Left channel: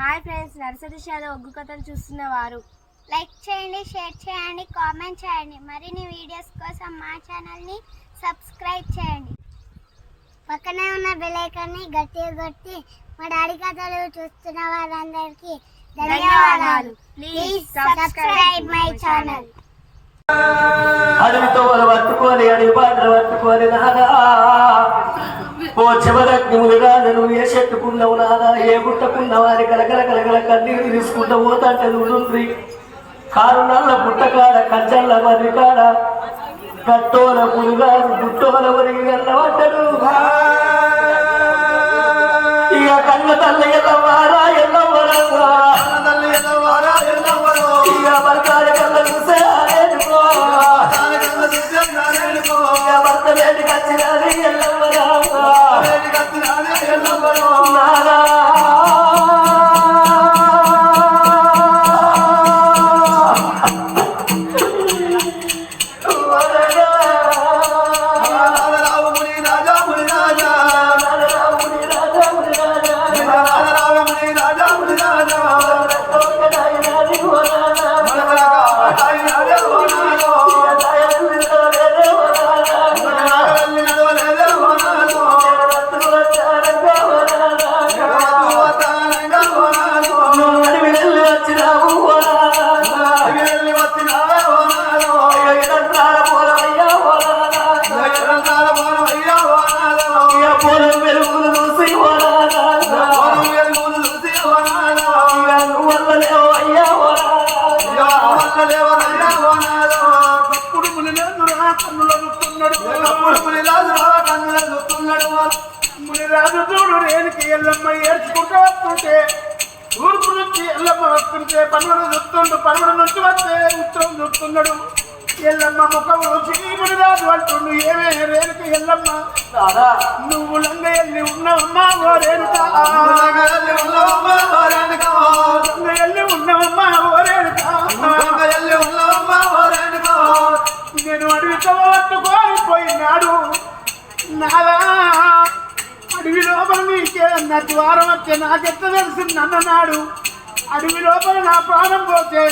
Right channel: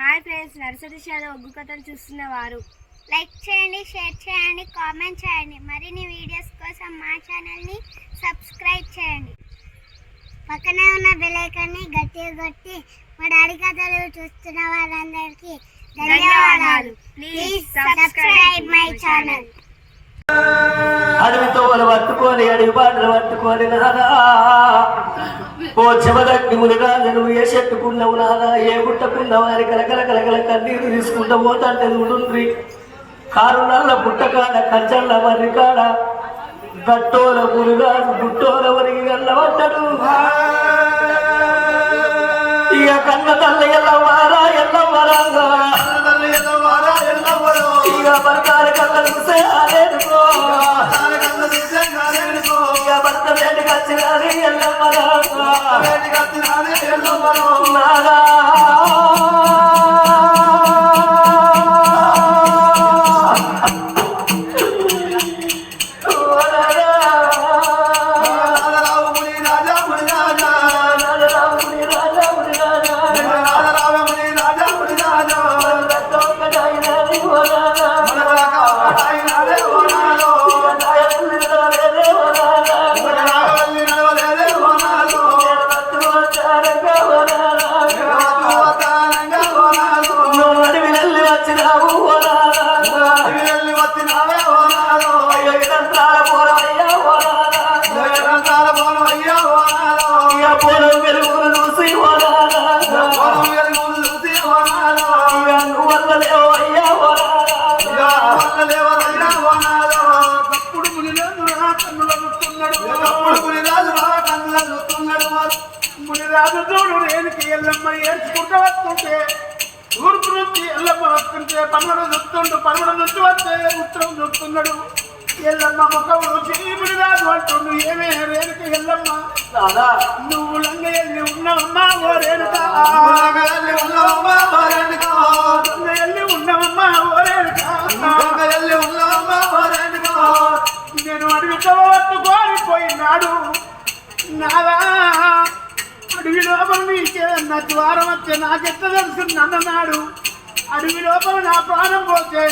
Hi friends nursery షాలో ఒగ్గు కథలు చూస్తున్న వారు. లైక్ చేయండి షేర్ చేయండి కామెంట్ చేయండి. మరిన్ని వీడియోస్ కోసం మా ఛానల్ని సబ్స్క్రైబ్ చేయండి. పక్కనే ఉన్న బెల్ ఐకాన్ని గట్టిగా కొట్టి మా డాడీ కథలు చూస్తున్న వారందరికీ ధన్యవాదాలు. ప్లీజ్ సబ్స్క్రైబ్ మై ఛానల్ అడవితో పట్టుకొని అడవి బాటలు పట్టుకొని నాదా ఓ చెమగట్టి మునిగాజను ఏ చెట్టుకున్నావు నాదా ఏ గుట్టకున్నావు అని కలకల కలకల కన్నీరు తీసుకుంటూ పోతాంటే నుండ్రి. కారు నల్ల పుట్టకాడ కంచల్ల మర్రికాడ కట్టోల మునిగాజు గుట్టోల వరిగి వెళ్ళబడ్డాడు. ఇక కన్న తల్ల ఎల్లవారా ঘোরা ఒక్కడాయినాది ఓ నానా. మునిరాజు చూడు రేణుకి ఎల్లమ్మ ఏడ్చుకుంటూ వస్తుంటే తూర్పు నుంచి ఎల్లమ్మ వస్తుంటే పనుడు చూస్తుండు పనుడు నుంచి వస్తే ఉత్తరం చూస్తున్నాడు ఎల్లమ్మ ముఖం చూసి మునిరాజు అంటుండు ఏమే రేణుకి ఎల్లమ్మ? నువ్వు లంగ ఎల్లి ఉన్నావమ్మా ఓ రేణుక? లంగ ఎల్లి ఉన్నావమ్మా ఓ రేణుక? నేను అడవి పట్టుకొని పోయినాడు నాలా అడవి లోపల నీకేదన్నా ద్వారం వచ్చే నాకెత్త తెలిసి నన్ననాడు అడవి లోపల నా ప్రాణం పోతే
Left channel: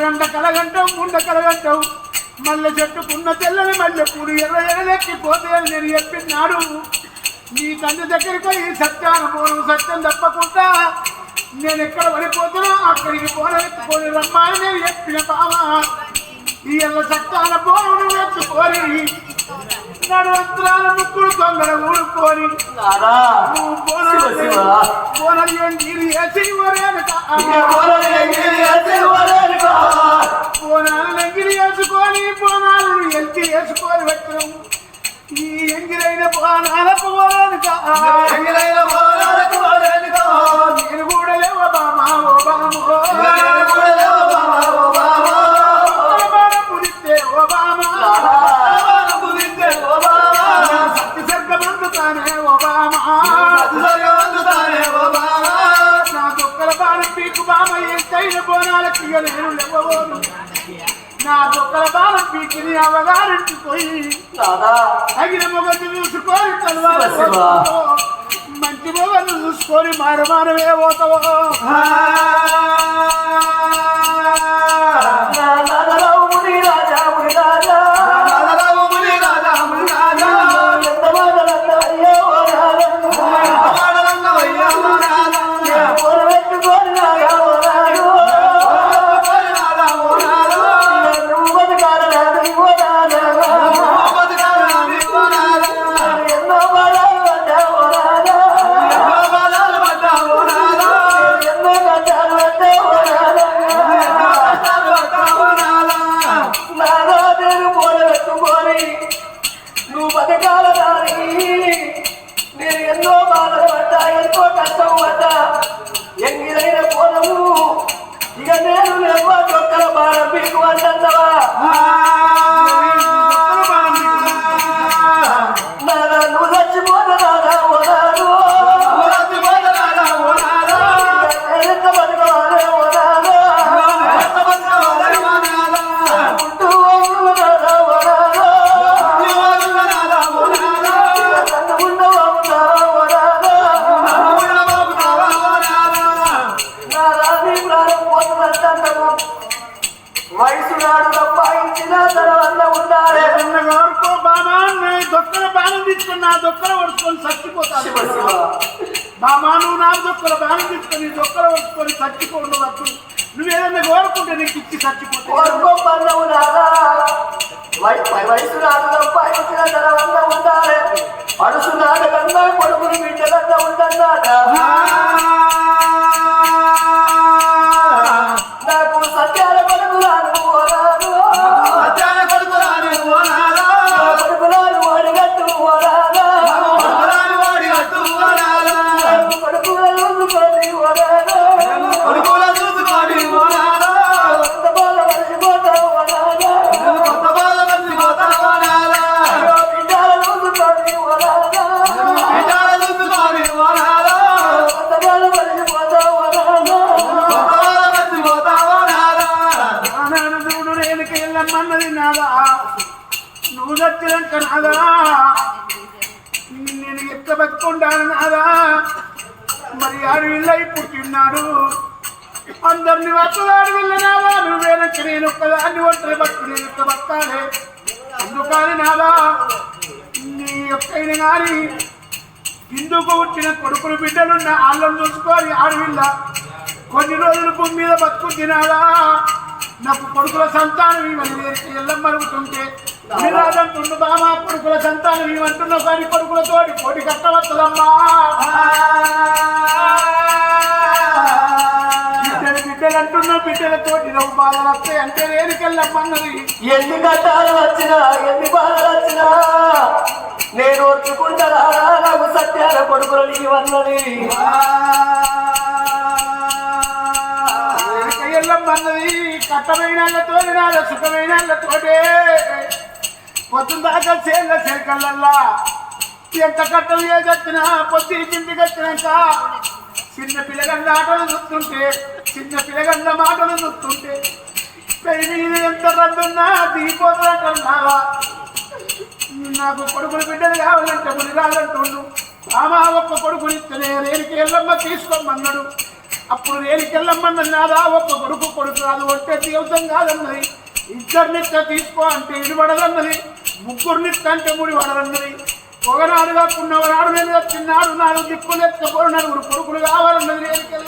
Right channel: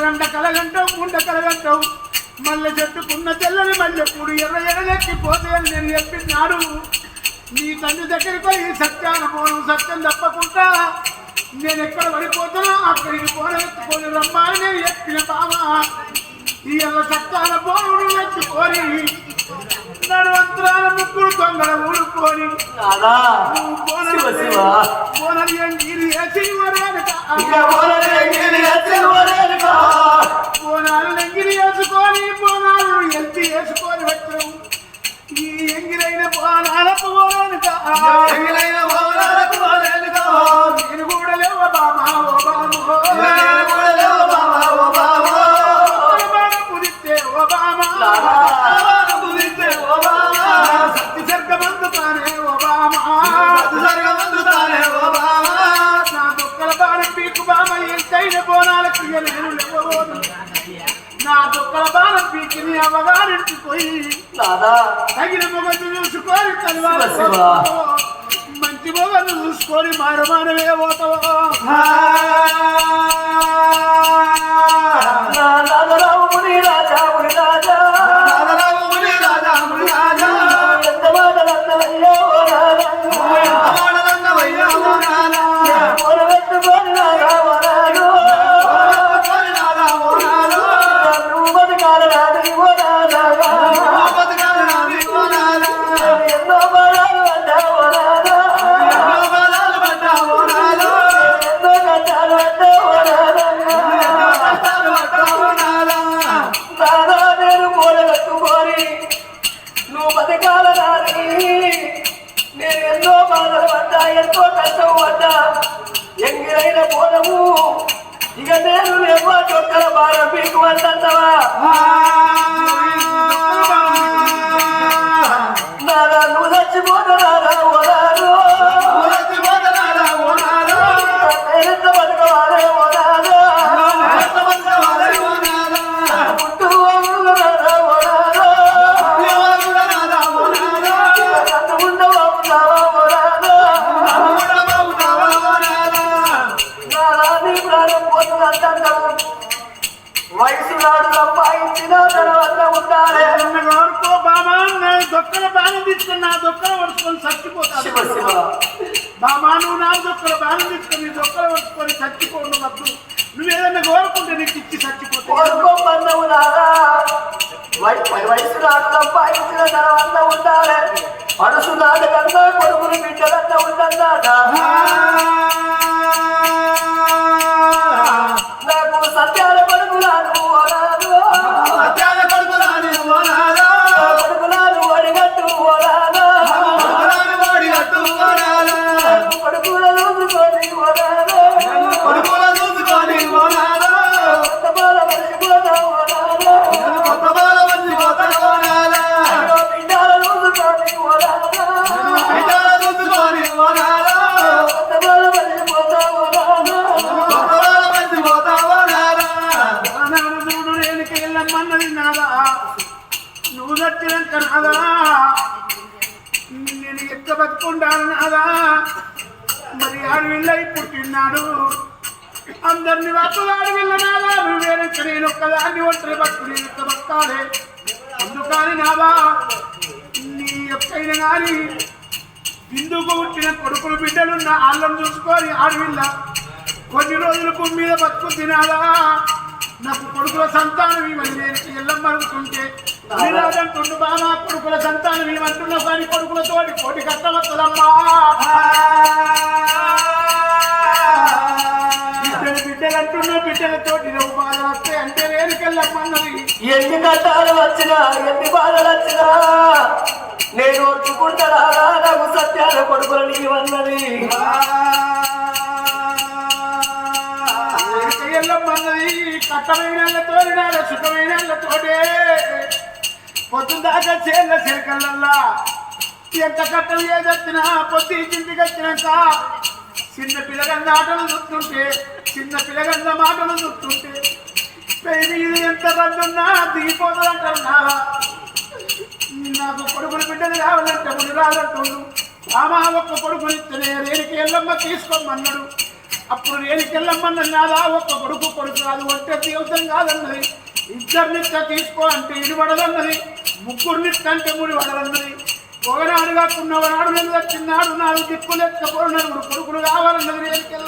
రెండ కలగంటావు ముండ కలగంటావు. మళ్ళీ చెట్టుకున్న తెల్లని మల్లె పూడు ఎర్ర ఎర్రలెక్కిపోతే అని నేను చెప్పినాడు. నీ తండ్రి దగ్గరికి పోయి సత్యాన పోను సత్యం తప్పకుండా. నేను ఎక్కడ పడిపోతున్నా అక్కడికి పోన ఎత్తుకొని రమ్మని నేను చెప్పిన బావా. ఈ ఎల్ల పోను నువ్వు ఎత్తుకొని నడువంతరాల ముక్కుడు తొందర ఊడుకొని. బోనలు ఎంగిరి వేసి బోనాలు ఎంగిరి వేసుకొని బోనాలు ఎంకి వేసుకొని వచ్చాం. ఈ ఎంగిరైన బోనాలకు పోరానుక నేను కూడా లేవ బామా ఓ బామో సర్గమందుతానే నా దొక్కల బాణం పీకు బామ ఎంతైన బోనాలకు ఇక నేను లేవబోదు నా దొక్కల బాణం పీకి నీ అవగారింటి పోయి తగిన మొగలు చూసుకొని. మంచి మొగలు చూసుకొని మారమానమే పోతావో? నువ్వు బతకాల నాని నేను ఎన్నో బాధలు పడ్డా ఎంతో కష్టం పడ్డా ఎంగిరైన పోలము ఇక నేను లేవు చొక్కల భారం పీకు అంటావా నువ్వు దొక్కల పడుచుకొని శివ బామా నువ్వు నా దొక్కల బాణం తీసుకొని దొక్కల పడుచుకొని చచ్చిపోండు వద్దు నువ్వు ఏదన్నా కోరుకుంటే నీకు ఇచ్చి చచ్చిపోతావు. కోరుకో రేణుకి నాదా నువ్వు చచ్చినాక నాదా నేను ఎట్లా బతుకుంటాను నాదా మరి అడవిల్లై పుట్టినాడు అందరిని వస్తున్నాడు వెళ్ళనాదా నువ్వు వేరొక్క నేను ఒక్కదాన్ని ఒంటరి బతుకు నేను ఎట్లా బతకాలే? అందుకని నాదా నీ ఒక్కైనా కానీ హిందుకు పుట్టిన కొడుకులు బిడ్డలున్న వాళ్ళని చూసుకొని ఆడవిల్ల కొన్ని రోజులు భూమి మీద బతుకు తినాలా నాకు కొడుకుల సంతానం ఇవని నేను ఎల్లం మరుగుతుంటే నిరాదంటుండు బామా కొడుకుల సంతానం ఇవంటున్నావు కానీ కొడుకులతోటి కోటి కట్టవచ్చదమ్మా. బిడ్డలు బిడ్డలు అంటున్నావు బిడ్డలతోటి నువ్వు బాధలు వస్తాయి అంటే రేణుకెళ్ళమ్మన్నది. ఎన్ని కట్టాలు వచ్చినా ఎన్ని బాధలు వచ్చినా నేను ఒట్టుకుంటారా నాకు సత్యాల కొడుకులు నీవన్నది ఎల్లమ్మన్నది కట్టమైన తోలినాల సుఖమైన తోటే పొద్దున దాకా చేళ్ళ చెరకల్లల్లా. ఎంత కట్టలు ఏదొచ్చినా పొద్దు ఇంటికి వచ్చినాక చిన్న పిల్లగంద ఆటలు చూస్తుంటే చిన్న పిల్లగంద మాటలు చూస్తుంటే పెళ్ళి మీద ఎంత రద్దున్నా దిగిపోతుందంటున్నా నాకు కొడుకులు బిడ్డలు కావాలంటే ముని రాదంటుండు ఆమా ఒక్క కొడుకునిస్తేనే రేడికి ఎల్లమ్మ తీసుకోమన్నాడు. అప్పుడు రేణికి ఎల్లమ్మన్నది నాదా ఒక్క కొడుకు కొడుకు కాదు ఒంటే జీవితం కాదన్నది. ఇద్దరినిత్త తీసుకో అంటే ఇడిపడదన్నది ముగ్గురినిత్త అంటే ముడి పడదన్నది. ఒకనాడు కాకుండా ఒకనాడు నేను వచ్చినాడు నాలుగు దిక్కులు ఎత్తుకపోరు నలుగురు కొడుకులు కావాలన్నది అడిగట్టు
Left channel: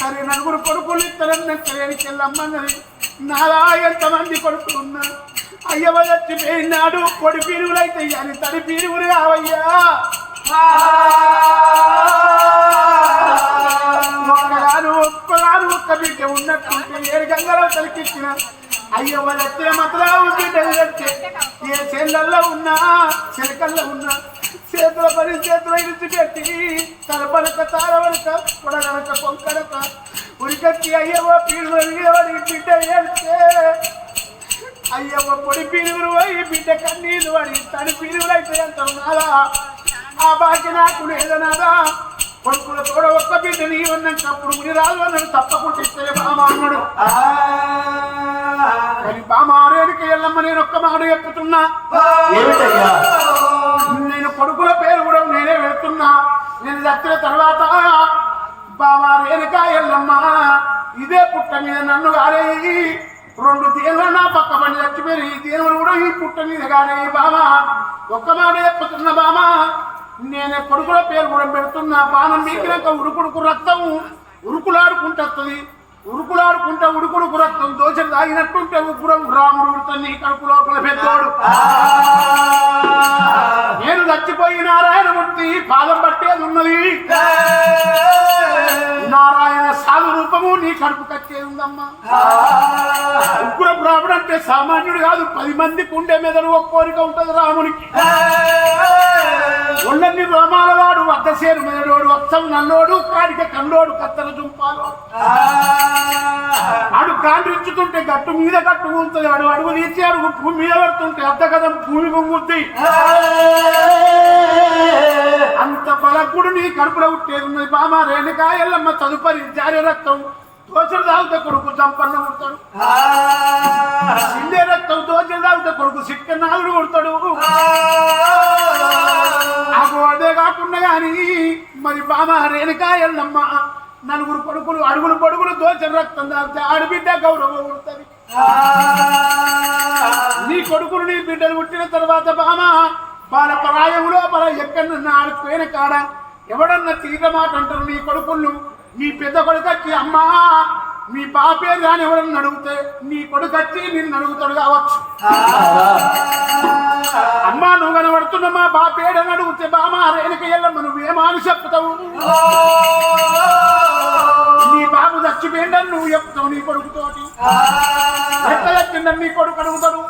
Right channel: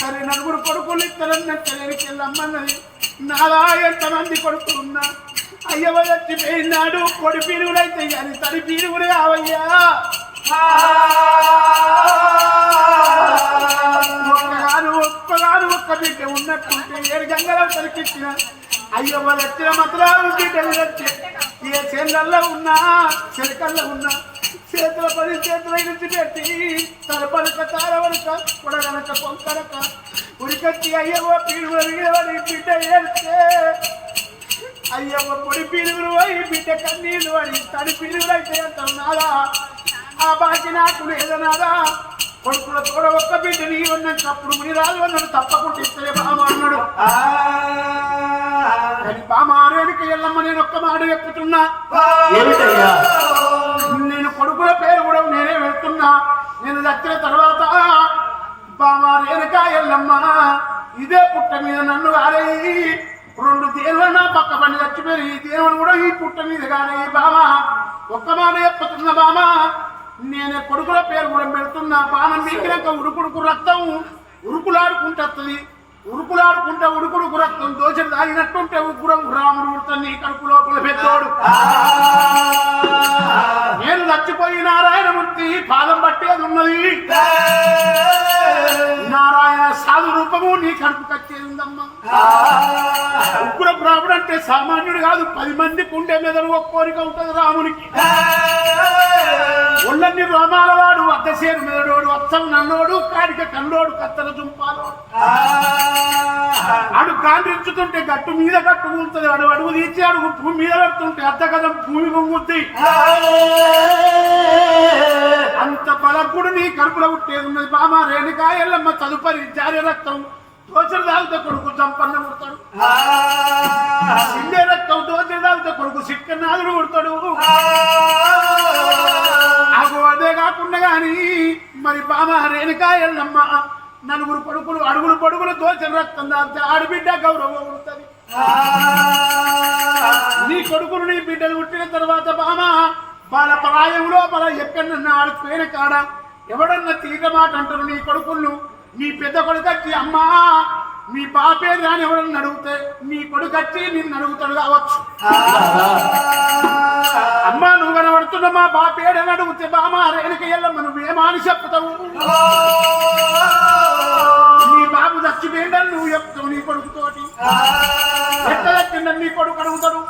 సరే నలుగురు కొడుకులు ఇద్దరు నెక్కలేనికి వెళ్ళమ్మన్నది నాలా ఎంతమంది కొడుకులు ఉన్నా? అయ్యవ చచ్చిపోయినాడు కొడి పీరుగులైతే కానీ తడి పీరుగులు కావయ్యా. ఒక్కగాను ఒక్కగాను ఒక్క బిడ్డ ఉన్నట్టుంటే ఏడు గంగల తలికిచ్చిన అయ్యవ చచ్చిన మతరావు బిడ్డలు వచ్చే ఏ చేళ్ళల్లో ఉన్నా చెలకల్లో ఉన్నా చేతుల పని చేతుల ఇడిచి పెట్టి తలపనక తారవలక కొడగనక పొంకనక ఉరికచ్చి అయ్యవ్వ పీడుగులు నీడవడి బిడ్డ ఏడితే అయ్యవ్వ పొడి పీడుగులు పోయి బిడ్డ కన్నీళ్ళు పడి తడి పీడుగులు అయితే అంటావు నాదా ఆ బాకి నాకు లేదనాదా కొడుకుల తోడ ఒక్క బిడ్డ నీ ఉన్నాక అప్పుడు ముని రాదు అన్నాడు తప్పకుండా ఇస్తే బామ అన్నాడు కానీ బామ ఆరేడికి వెళ్ళమ్మ నేను ఒక్క మాట చెప్పుతున్నా. ఏమిటయ్యా? నేను కొడుకుల పేరు కూడా నేనే వెళ్తున్నా. నేను చచ్చిన తర్వాత బామా రేణుకా ఎల్లమ్మ ఇదే పుట్ట మీద నన్ను కాలేయి రెండు దేవులు నా పక్క పని చచ్చిపోయి ఈ దేవుడు కూడా ఈ పుట్ట మీద కాలేయి బామా. ఒక్క మాట చెప్పుతున్నా బామా. నేనే కొడుకుల పేరు కూడా పెడుతున్నా. బాణం మీకినాక ఉడుకుడుకు రక్తం ఉరుకులాడుకుంటది. ఉరుకులాడుకుంటా ఉడుకుడుకు రక్తం దోశలు తాగినట్టుంటే ఉగ్రం రాముడు ఉడతాను నీ కడుపు లోపల పెద్దోడు నేను చచ్చిపోయి నారాయణమూర్తి పాదం పట్టేది ఉన్నది. నారాయణ సాధు రూపము నీ కడుపు కట్టేది ఉందమ్మా. ఉగ్ర రాముడు అంటే సామాన్యుడు కాదు. పది మందికి ఉండే మెదడు ఒక కోరిక ఉంటది రామునికి. ఒళ్ళన్ని రోమాల వాడు అద్దసేరు మెదడోడు అచ్చం నల్లోడు కాడిక కన్నోడు కత్తల దుంపాలోడు ఆడు కాండ్రించుతుంటే గట్టు మీద గట్టు ఉంటుంది వాడు అడుగు తీసి అడుగు భూమి మీద పెడుతుంటే అర్ధ కథం భూమి పొంగుద్ది. అంత బలకుడు నీ కడుపులో ఉట్టేది ఉన్నది బామ రేణుకా ఎల్లమ్మ తదుపరి జారే రక్తం దోచలు తాగితే కొడుకు సంపన్న కొడతాడు సిందే రక్తం దోచలు తాగితే కొడుకు సిక్క నాదుడు కొడతాడు నాకు అదే కాకుండా కానీ మరి బామ రేణుకా ఎల్లమ్మ నలుగురు పడుకులు అడుగులు పడుగులు దోచని రక్తం దాల్చే ఆడబిడ్డ గౌరవం ఉంటుంది. నీ కొడుకులు నీ బిడ్డలు పుట్టిన తర్వాత బామ వాళ్ళ పరాయంలో మన ఎక్కడన్నా ఆడిపోయిన కాడ ఎవడన్నా తీగ మాట అంటారు నీ కొడుకులు? నీ పెద్ద కొడుకు వచ్చి అమ్మా మీ బాపే కానీ ఎవరన్నా అడిగితే నీ కొడుకు వచ్చి నిన్ను అడుగుతాడు కావచ్చు. అమ్మా నువ్వు కనబడుతున్న మా బాపేడని అడిగితే బామా రేణుక ఎల్లమ్మ నువ్వేమాని చెప్తావు? నీ బాబు చచ్చిపోయిండని నువ్వు చెప్తావు నీ కొడుకుతోటి? ఎట్ట చచ్చిండని నీ కొడుకు అడుగుతాడు?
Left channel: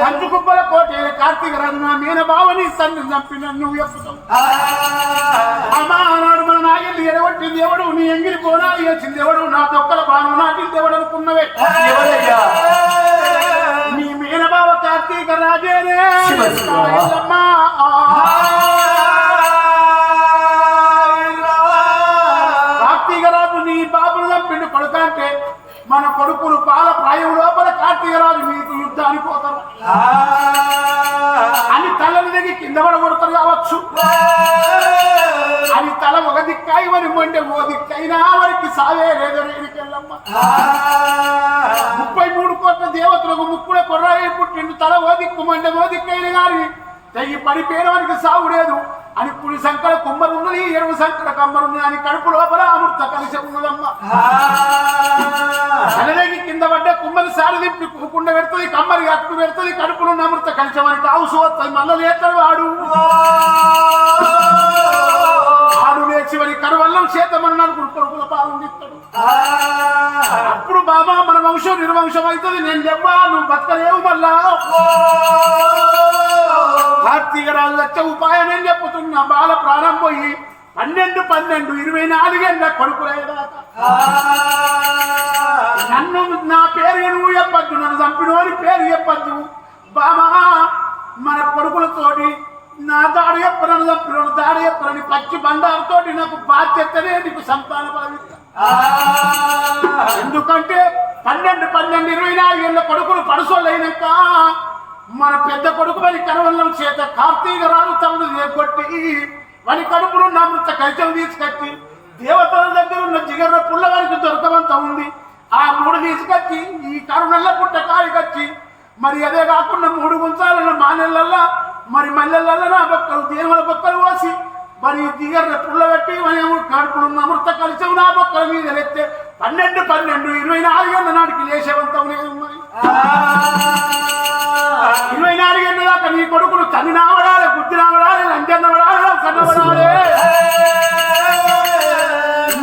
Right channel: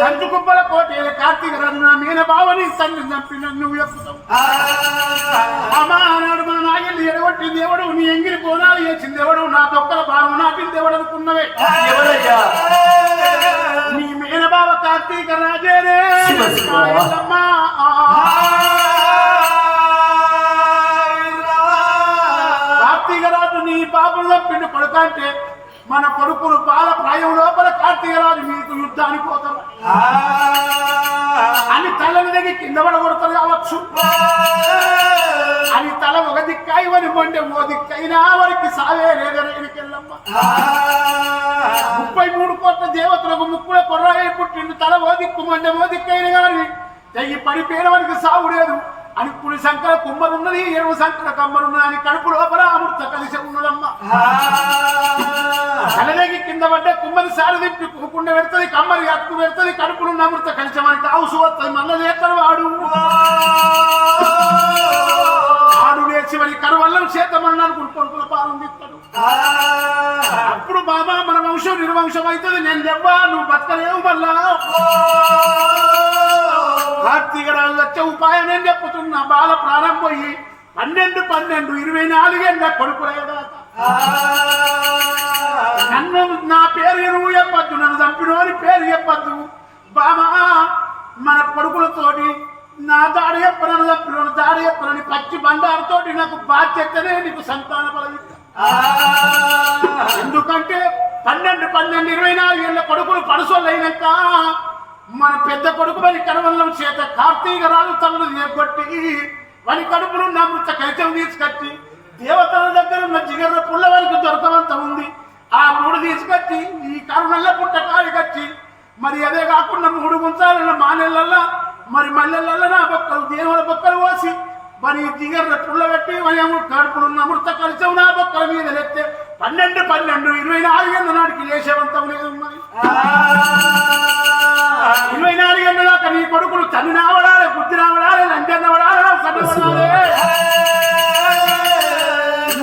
కంచు కుప్పల కోటే కార్తీక రాజు నా మీన బావని తండ్రి చంపిండని నువ్వు చెప్తావు. అమ్మా ఆనాడు మన నాయల్ని ఎడగొట్టింది ఎవడు? నీ ఎంగిలి చేసింది ఎవడు నా తొక్కల బాను నాటింది ఎవడు అనుకున్నవే. ఎవరయ్యా? నీ మేనబావ కార్తీక రాజేనే. ఎల్లమ్మా కార్తీక రాజు నీ బాబులు చంపిండు కొడుక అంటే మన కొడుకులు పాల ప్రాయం లోపల కార్తీక రాజు మీకు యుద్ధానికి పోతారు. అని తలని దగ్గర కింద పడగొడతారు కావచ్చు. అని తల ఒక దిక్కాయి వని మొండే ఓ దిక్కైనా వారికి సావే రేగరేగికెళ్ళమ్మ ముప్పై మూడు కోట్ల దేవతలకు ముక్కుడ కొర్రాయి పుట్టిండు తల ఓ దిక్కు మండే ఓ దిక్కైన గాని తెయ్యి పడిపోయిన వారికి సావు లేదు. అని కుడి సంకల కుమ్మరున్నది ఎరువు సంకల కమ్మరున్నది అని కడుపు లోపల అమృత కలిసి ఉన్నదమ్మ. కలదేగి కింద పడ్డ కుమ్మరి సారి తిప్పి కూకుండా పెడుతుంది కమ్మరి అతుకు పెడుతుంది కడుపులో ఉన్న అమృత కలిసి మనకి ఆవుసు వస్తాయి మళ్ళీ లేస్తాడు వాడు. మరి కరువల్లం చేతమన్నారు కొడుకుల పాల్గొనిస్తాడు అప్పుడు బాబా మన వంశం నిర్వంశం అవుతుంది. నేను లెవ్వా నువ్వు బతకలేవు మళ్ళా. కార్తీక రాజు వచ్చే ఉపాయం నేను చెప్పుతున్నా? బాల ప్రాణం పోయి పన్నెండు పన్నెండు ఇరవై నాలుగేళ్ళ కొడుకులయ్యేదాకా నన్ను నా పేరు నువ్వు చెప్పద్దు నన్ను చంపినోని పేరు చెప్పద్దు. బామా మన కొడుకులతోటి నా దాడ చెప్పనను చంపినోని దాడి చెప్పనని పచ్చి బండారుతోటి నాకు బాధ్యతనే నీకు సంతాన బలమిస్తా ఎందుకంటే పన్నెండు పన్నెండు ఇరవై నాలుగు ఏళ్ళ కొడుకులు పడుసోళ్ళైనాక మన పెద్ద కొడుకు మరి కనవల్లం చేత కార్తీక రాజు తమను కొట్టి వాని కడుపులు నా మృత కైతం తీసుకొచ్చి దేవతల దగ్గర ఉన్న జిగర్ర పుల్ల వారికి దొరకవంత ఉంది. ఆ మూడు తీసుకొచ్చి ఈ కరుణల్ల పుట్ట కాయకొచ్చి మరి అదే కాకుండా మూడు గుంచాలన్న మానెళ్ళల్లా మరి మల్లెళ్ళల్లా నా బొక్కలు దేవుల బొక్కలు పోసి మరి దిగర్ర పుల్ల పెట్టి మరి కడుపులో ఉన్న అమృత కలిసం నా బొక్కల మీద లెత్తే పన్నెండు పన్నెండు ఇరవై నాలుగేళ్ళ నాటికి లేదు మరి. ఇరవై నాలుగేళ్ళ దాకా నీ కొడుకులు తన్ని నావడాలి బుద్ధి నావడాలి లంచన్న పడాలి కన్నబడాలి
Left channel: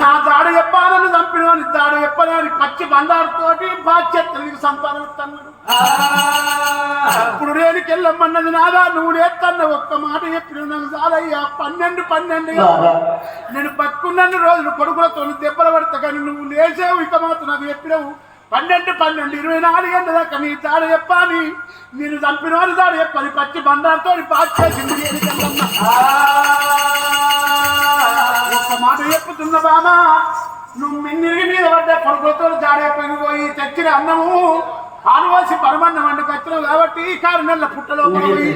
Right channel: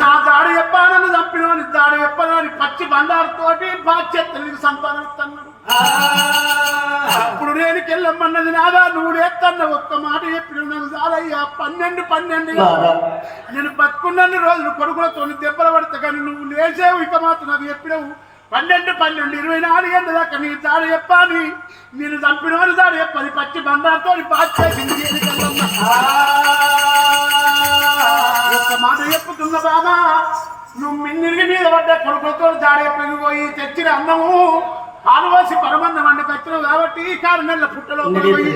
నా దాడి చెప్పాలని చంపినవాని దాడి చెప్పని పచ్చి బండారుతోటి బాధ్యత సంతానం ఇస్తున్నాడు ఇప్పుడు నేను కెళ్ళమ్మన్నది నాదా? నువ్వు లేత్తన్న ఒక్క మాట చెప్పిన నాకు చాలయ్యా. పన్నెండు పన్నెండు. నేను బతుకున్నన్ని రోజులు కొడుకులతో దెబ్బలు పడతా కానీ నువ్వు లేచావు. ఇక మాత్రం నాకు చెప్పినావు. పన్నెండు పన్నెండు ఇరవై నాలుగేళ్ళ దాకా నీ దాడి చెప్పాని నేను చంపిన వారి దాడి చెప్పని పచ్చి బండారుతో బాధ్యత ఒక్క మాట చెప్పుతున్న బామా నువ్వు మింగిరి మీద పడ్డ కొడుకులతో జాడైపోయి పోయి తెచ్చిన అన్నము. ఆనువాసి పరమన్నం వండుకొచ్చినావు కాబట్టి కారు నెలల పుట్టలో పోయి